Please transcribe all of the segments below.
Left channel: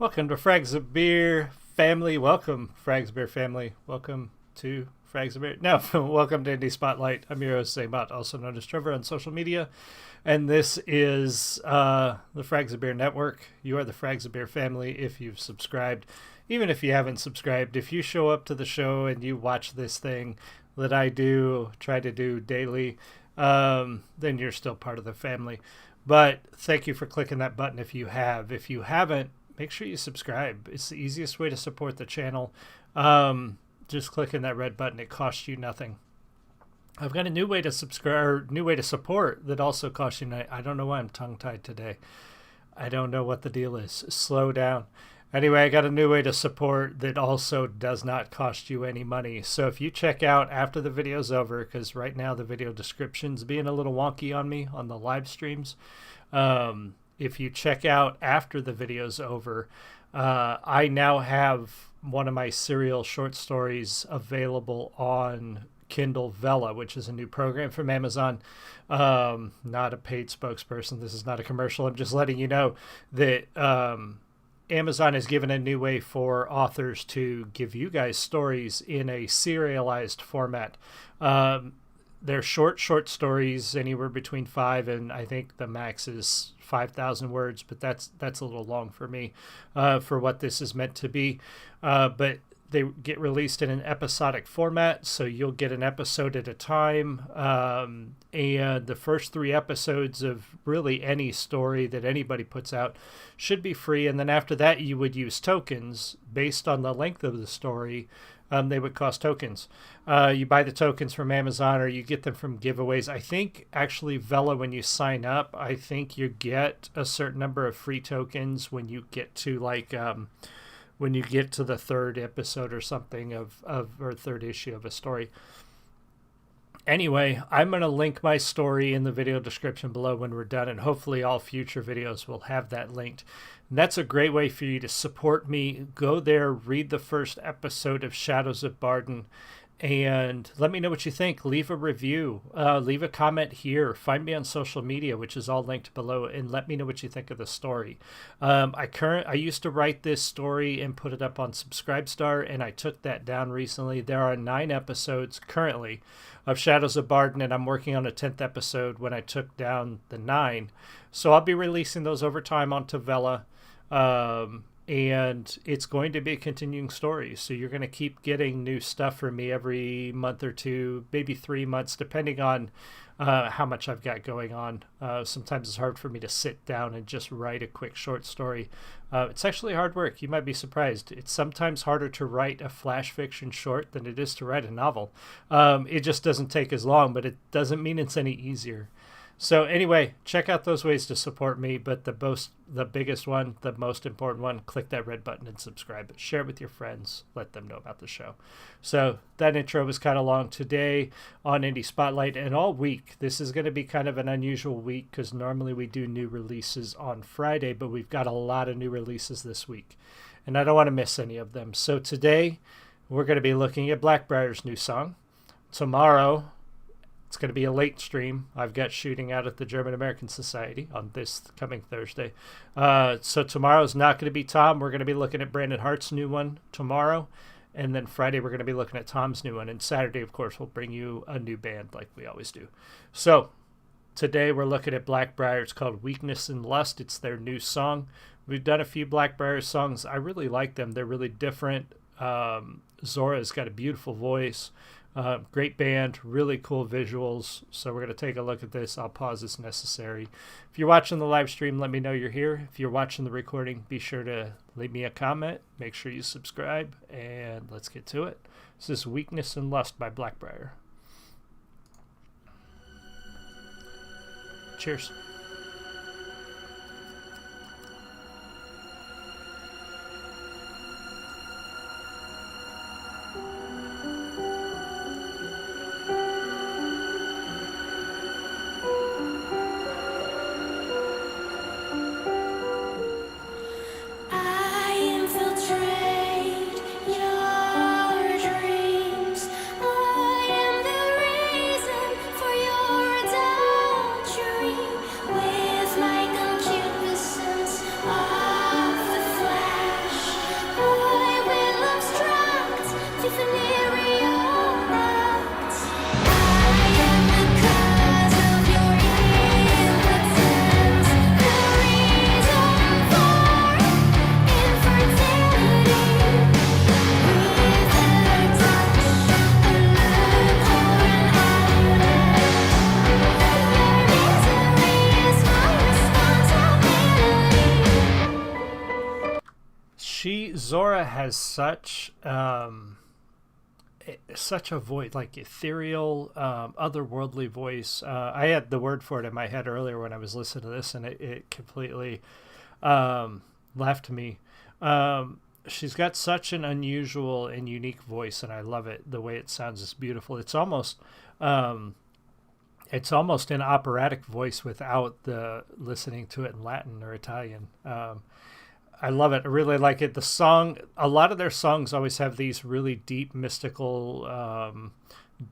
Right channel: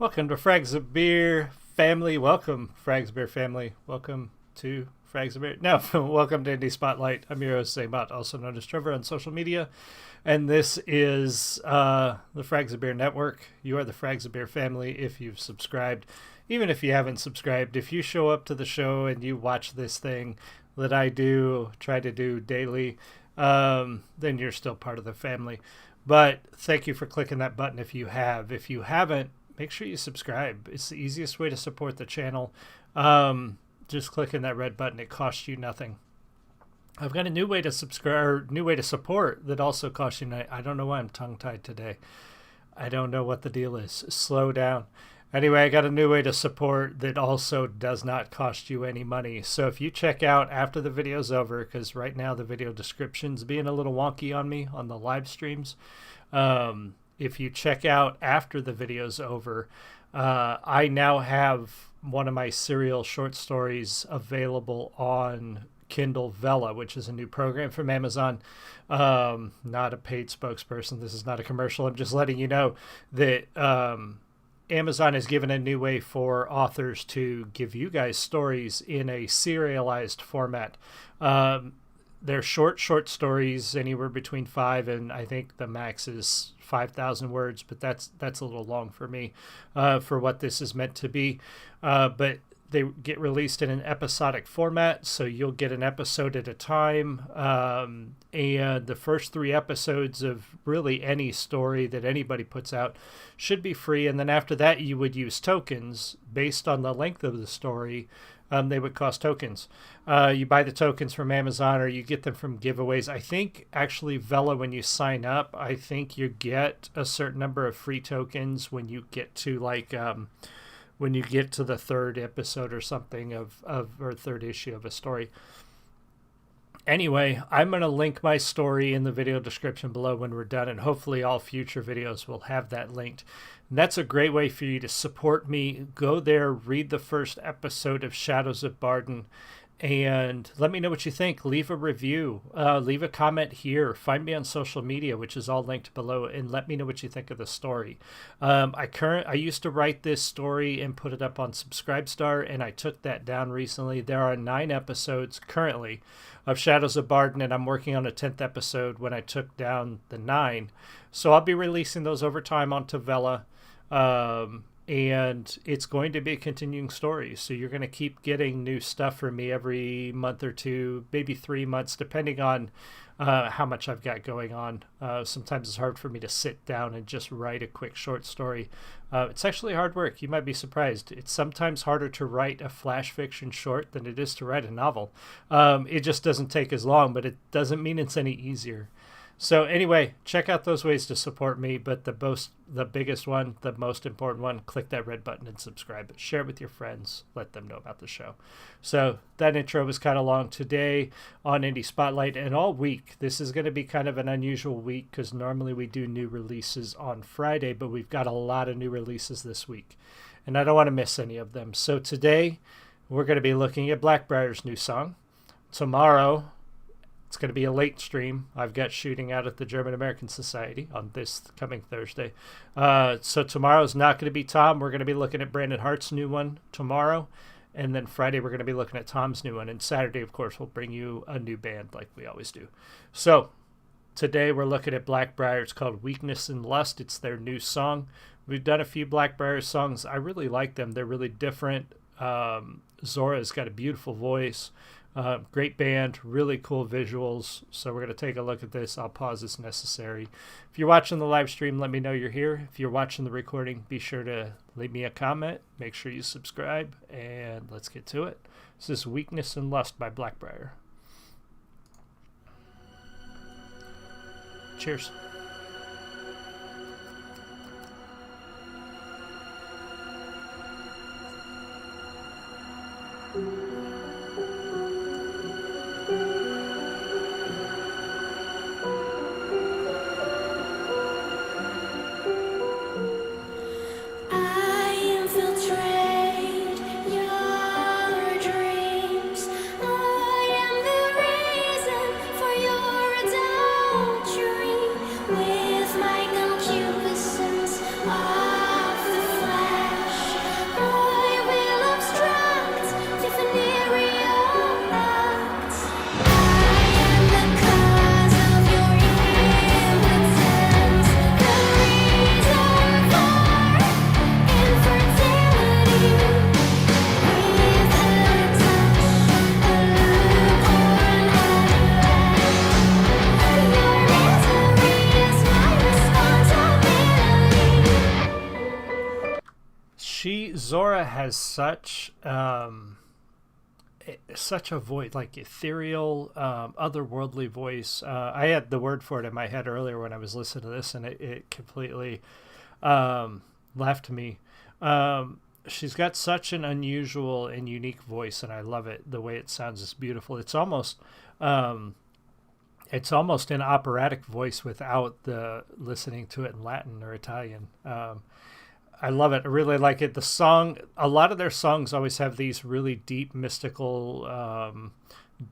Welcome to Frags of Beer family. Welcome, Frags of Beer family. Welcome to Frags of Beer. No, welcome to Indie Spotlight. I'm your host, Zaybot, also known as Trevor on social media. And this is the Frags of Beer Network. You are the Frags of Beer family if you've subscribed. Even if you haven't subscribed, if you show up to the show and you watch this thing that I try to do daily, then you're still part of the family. But thank you for clicking that button if you have. If you haven't, make sure you subscribe. It's the easiest way to support the channel. Just clicking that red button. It costs you nothing. I've got a new way to subscribe, new way to support that also costs you nothing. I don't know why I'm tongue-tied today. I don't know what the deal is. Slow down. Anyway, I got a new way to support that also does not cost you any money. So if you check out after the video's over, because right now the video description's being a little wonky on me on the live streams. If you check out after the video's over, I now have one of my serial short stories available on Kindle Vella, which is a new program from Amazon. Not a paid spokesperson. This is not a commercial. I'm just letting you know that Amazon has given a new way for authors to give you guys stories in a serialized format. They're short stories, anywhere between 5 and I think the max is 5,000 words, but that's a little long for me for what this is meant to be. But they get released in an episodic format, so you'll get an episode at a time. And the first 3 episodes of really any story that anybody puts out should be free. And then after that, you would use tokens based on the length of the story. They would cost tokens. You buy the tokens from Amazon or you get them from giveaways. I think actually Vella, when you sign up, I think you get a certain number of free tokens when you get to when you get to the 3rd episode or something or 3rd issue of a story. Anyway, I'm going to link my story in the video description below when we're done, and hopefully all future videos will have that linked. And that's a great way for you to support me. Go there, read the first episode of Shadows of Barden, and let me know what you think. Leave a review. Leave a comment here. Find me on social media, which is all linked below, and let me know what you think of the story. I used to write this story and put it up on Subscribestar, and I took that down recently. There are 9 episodes currently of Shadows of Barden, and I'm working on a 10th episode when I took down the 9. So I'll be releasing those over time onto Vella. And it's going to be a continuing story. So you're going to keep getting new stuff from me every month or 2, maybe 3 months, depending on how much I've got going on. Sometimes it's hard for me to sit down and just write a quick short story. It's actually hard work. You might be surprised. It's sometimes harder to write a flash fiction short than it is to write a novel. It just doesn't take as long, but it doesn't mean it's any easier. So anyway, check out those ways to support me, but the biggest one, the most important one, click that red button and subscribe. Share it with your friends. Let them know about the show. So that intro was kind of long today on Indie Spotlight, and all week. This is going to be kind of an unusual week because normally we do new releases on Friday, but we've got a lot of new releases this week, and I don't want to miss any of them. So today we're going to be looking at Blackbriar's new song. Tomorrow, it's going to be a late stream. I've got shooting out at the German American Society on this coming Thursday. So tomorrow's not going to be Tom. We're going to be looking at Brandon Hart's new one tomorrow. And then Friday, we're going to be looking at Tom's new one. And Saturday, of course, we'll bring you a new band like we always do. So today, we're looking at Blackbriar. It's called Weakness and Lust. It's their new song. We've done a few Blackbriar songs. I really like them. They're really different. Zora's got a beautiful voice. Great band, really cool visuals. So we're going to take a look at this. I'll pause as necessary. If you're watching the live stream, let me know you're here. If you're watching the recording, be sure to leave me a comment. Make sure you subscribe, and let's get to it. This is Weakness and Lust by Blackbriar. Cheers. Infiltrate your dreams. I am the reason for your adultery. Zora has such a voice, like ethereal, otherworldly voice. I had the word for it in my head earlier when I was listening to this, and it completely left me. She's got such an unusual and unique voice, and I love it. The way it sounds is beautiful. It's almost an operatic voice without the listening to it in Latin or Italian. I love it. I really like it. The song, a lot of their songs always have these really deep, mystical,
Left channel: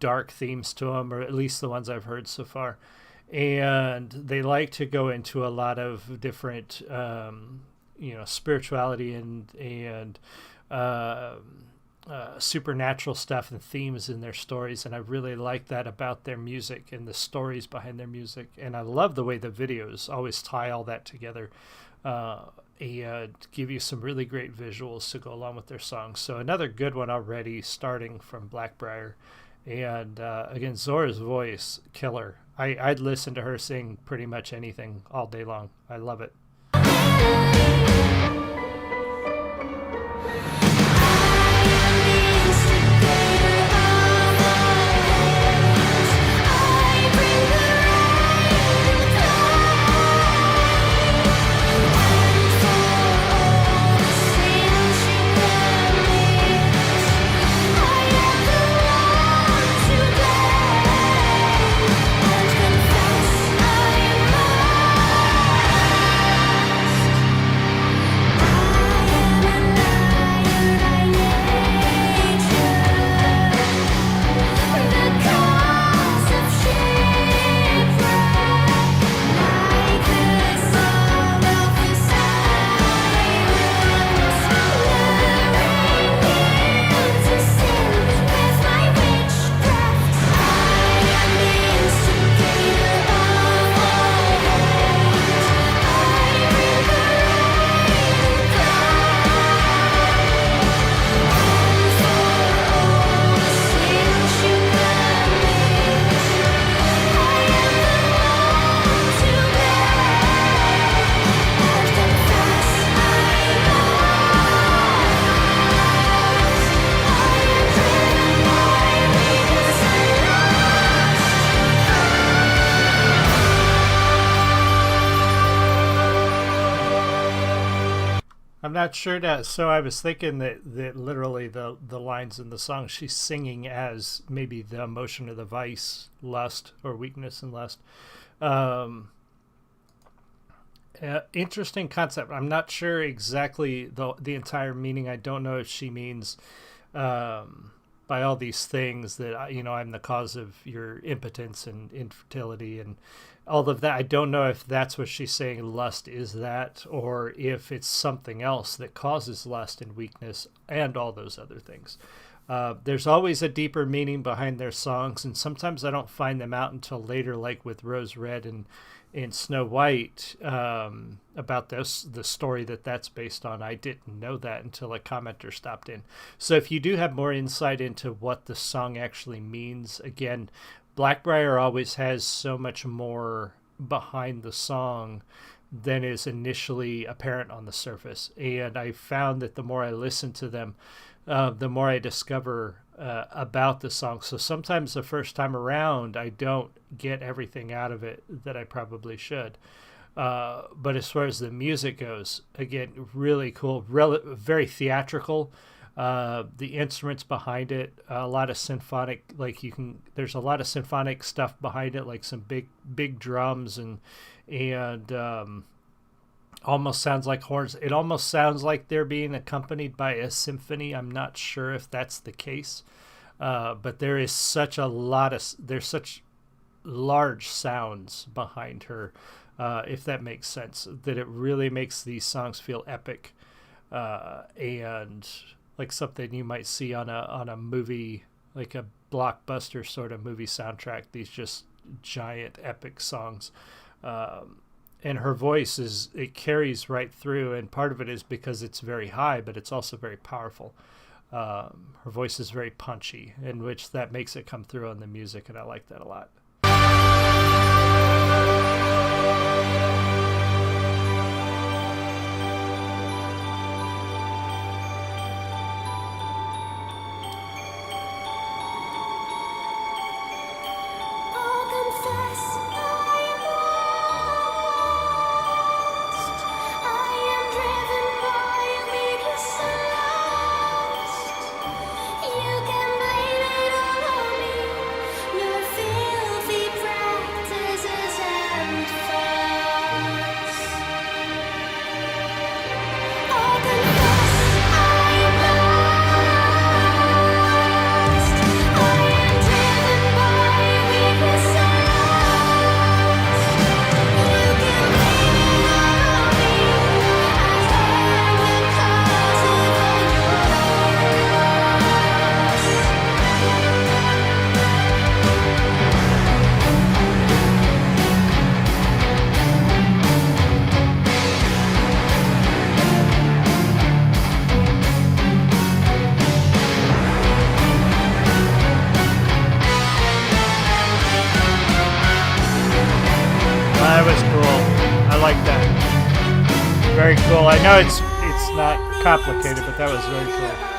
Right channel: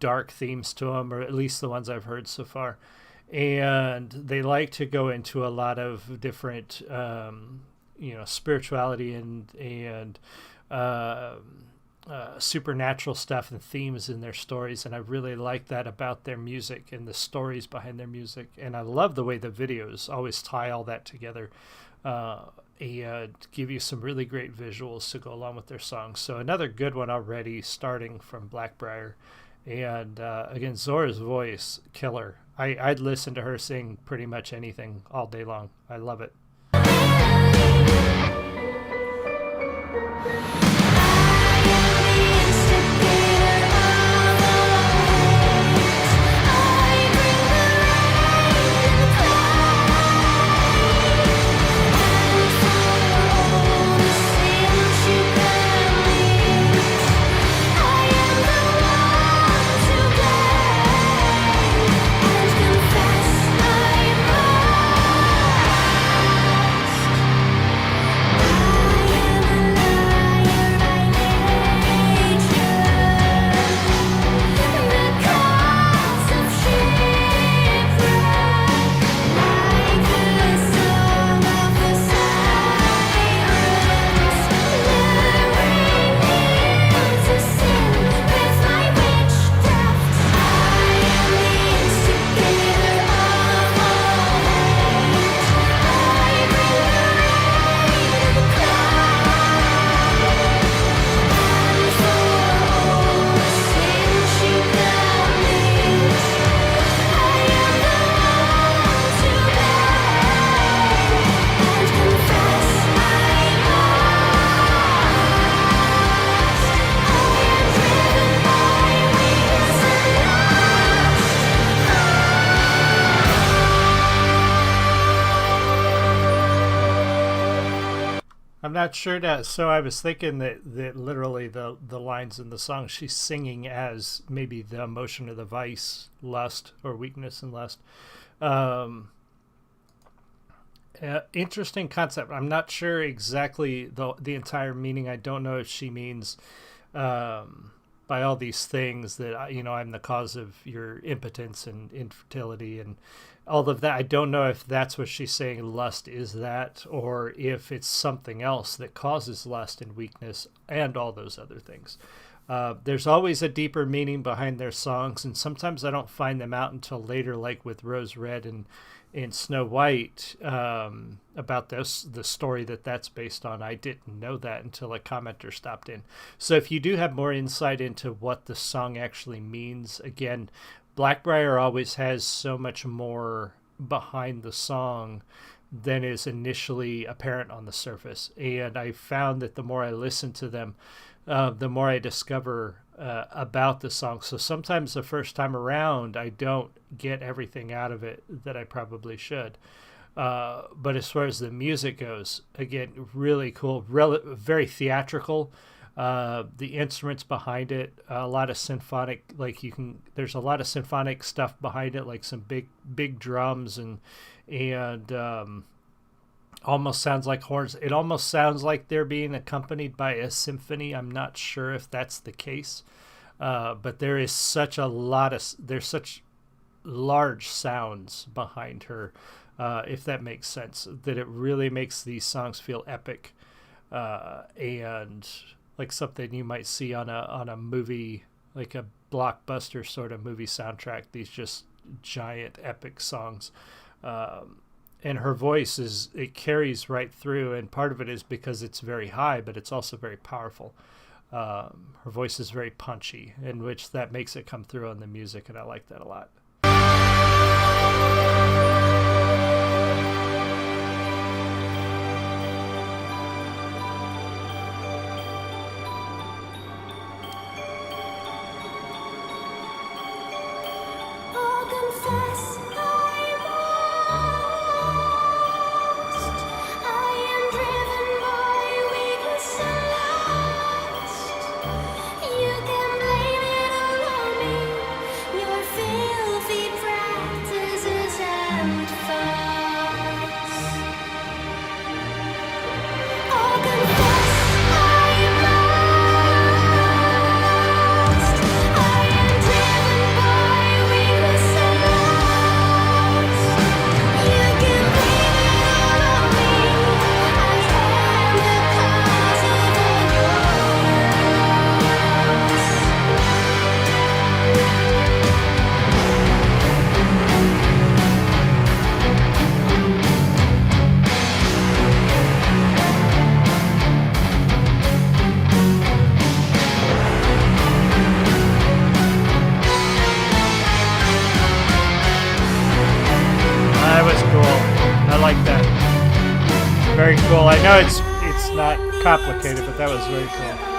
dark themes to them, or at least the ones I've heard so far. And they like to go into a lot of different, spirituality and supernatural stuff and themes in their stories. And I really like that about their music and the stories behind their music. And I love the way the videos always tie all that together. And give you some really great visuals to go along with their songs. So another good one already, starting from Blackbriar. And again, Zora's voice, killer. I'd listen to her sing pretty much anything all day long. I love it. I'm not sure that. So I was thinking that literally the lines in the song she's singing as maybe the emotion of the vice, lust, or weakness and lust. Interesting concept. I'm not sure exactly the entire meaning. I don't know if she means by all these things that I'm the cause of your impotence and infertility and all of that. I don't know if that's what she's saying. Lust is that, or if it's something else that causes lust and weakness and all those other things. There's always a deeper meaning behind their songs, and sometimes I don't find them out until later, like with Rose Red and Snow White, about the story that's based on. I didn't know that until a commenter stopped in. So if you do have more insight into what the song actually means, again, Blackbriar always has so much more behind the song than is initially apparent on the surface. And I found that the more I listen to them, the more I discover about the song. So sometimes the first time around, I don't get everything out of it that I probably should. But as far as the music goes, again, really cool, very theatrical. The instruments behind it, a lot of symphonic, there's a lot of symphonic stuff behind it, like some big drums and almost sounds like horns. It almost sounds like they're being accompanied by a symphony. I'm not sure if that's the case, but there is such there's such large sounds behind her, if that makes sense, that it really makes these songs feel epic, and like something you might see on a movie, like a blockbuster sort of movie soundtrack. These just giant epic songs. And her voice it carries right through, and part of it is because it's very high, but it's also very powerful. Her voice is very punchy, in which that makes it come through on the music, and I like that a lot. cool. I like that. Very cool. I know it's not complicated, but that was very cool.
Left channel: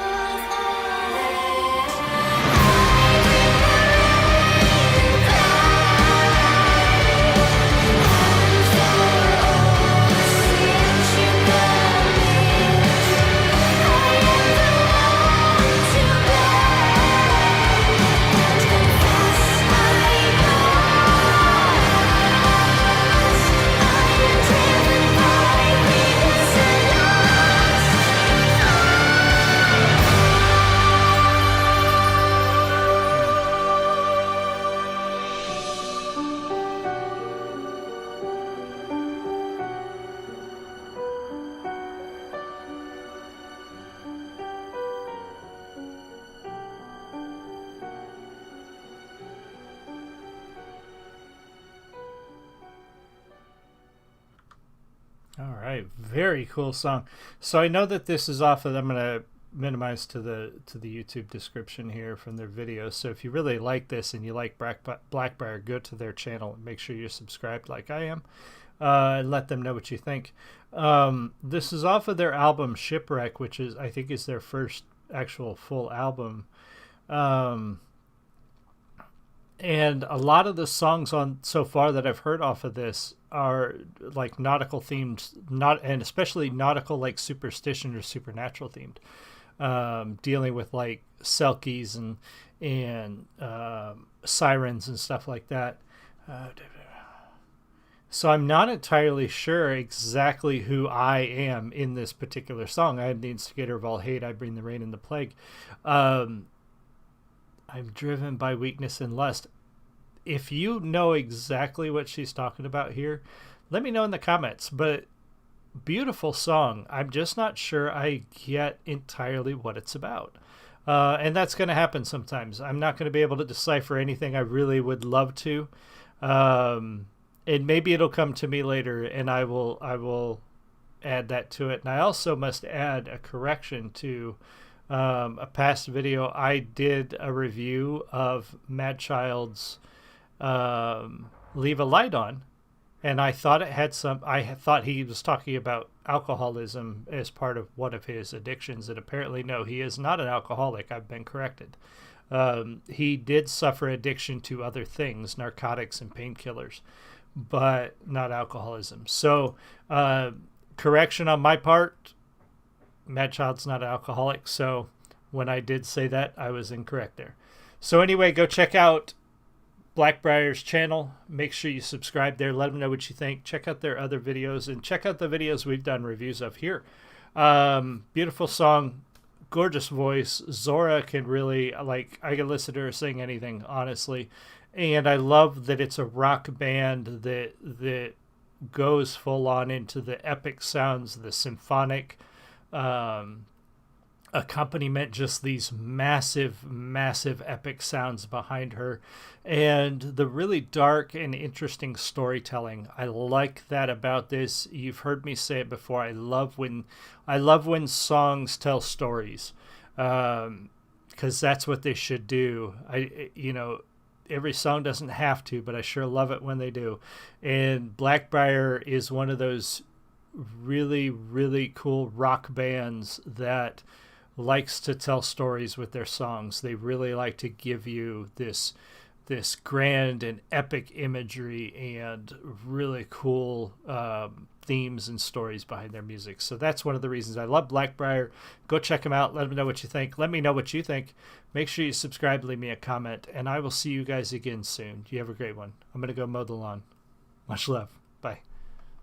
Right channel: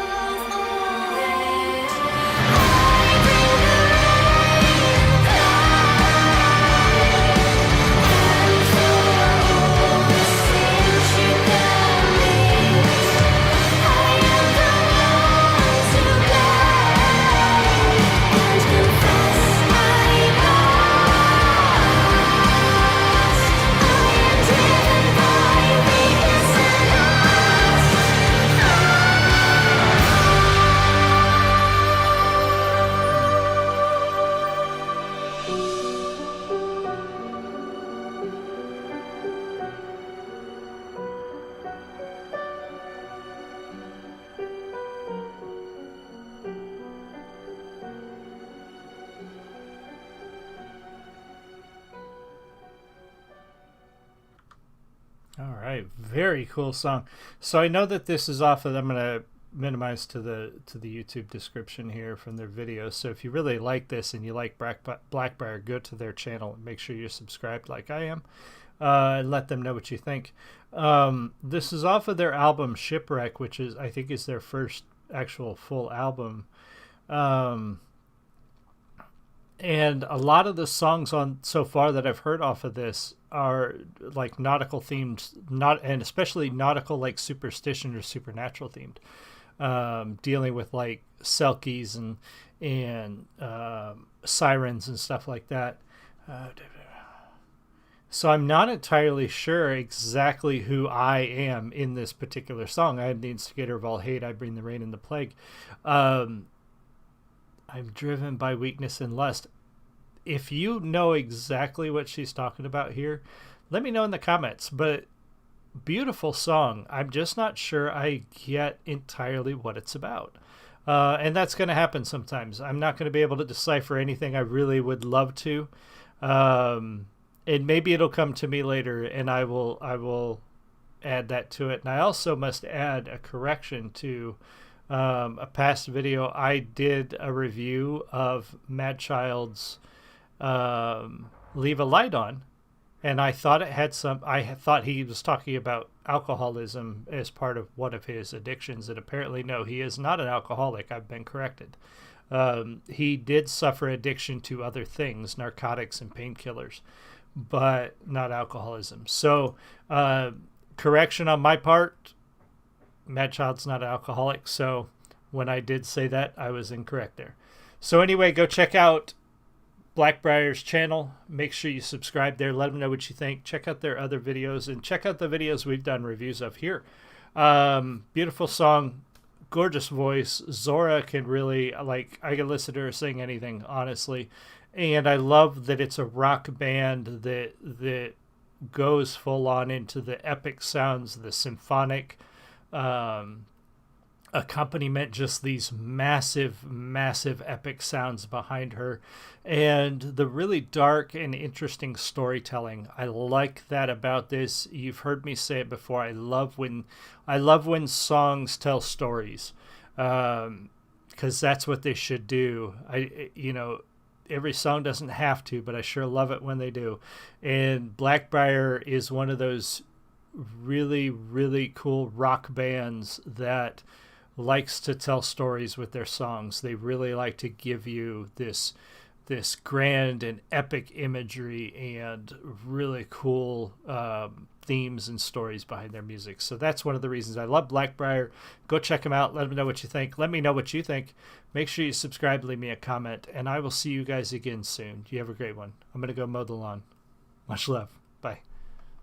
All right, very cool song. So I know that this is off of. I'm gonna minimize to the YouTube description here from their videos. So if you really like this and you like Blackbriar, go to their channel and make sure you're subscribed like I am. And let them know what you think. This is off of their album Shipwreck, which is I think is their first actual full album. And a lot of the songs on so far that I've heard off of this are like nautical themed, and especially nautical, like superstition or supernatural themed, dealing with like selkies and sirens and stuff like that. So I'm not entirely sure exactly who I am in this particular song. I am the instigator of all hate. I bring the rain and the plague. I'm driven by weakness and lust. If you know exactly what she's talking about here, let me know in the comments. But beautiful song. I'm just not sure I get entirely what it's about. And that's going to happen sometimes. I'm not going to be able to decipher anything. I really would love to. And maybe it'll come to me later, and I will add that to it. And I also must add a correction to a past video. I did a review of Mad Child's Leave a Light On, and I thought it had some. I thought he was talking about alcoholism as part of one of his addictions, and apparently no, he is not an alcoholic. I've been corrected. He did suffer addiction to other things, narcotics and painkillers, but not alcoholism. So correction on my part. Mad Child's not an alcoholic, so when I did say that, I was incorrect there. So anyway, go check out Blackbriar's channel. Make sure you subscribe there. Let them know what you think. Check out their other videos, and check out the videos we've done reviews of here. Beautiful song, gorgeous voice. Zora can really, like, I can listen to her sing anything, honestly. And I love that it's a rock band that goes full on into the epic sounds, the symphonic accompaniment, just these massive epic sounds behind her, and the really dark and interesting storytelling. I like that about this. You've heard me say it before. I love when songs tell stories, because that's what they should do. Every song doesn't have to, but I sure love it when they do. And Blackbriar is one of those really cool rock bands that likes to tell stories with their songs. They really like to give you this grand and epic imagery and really cool themes and stories behind their music. So that's one of the reasons I love Blackbriar. Go check them out. Let them know what you think. Let me know what you think. Make sure you subscribe, leave me a comment, and I will see you guys again soon. You have a great one. I'm going to go mow the lawn. Much love. Bye.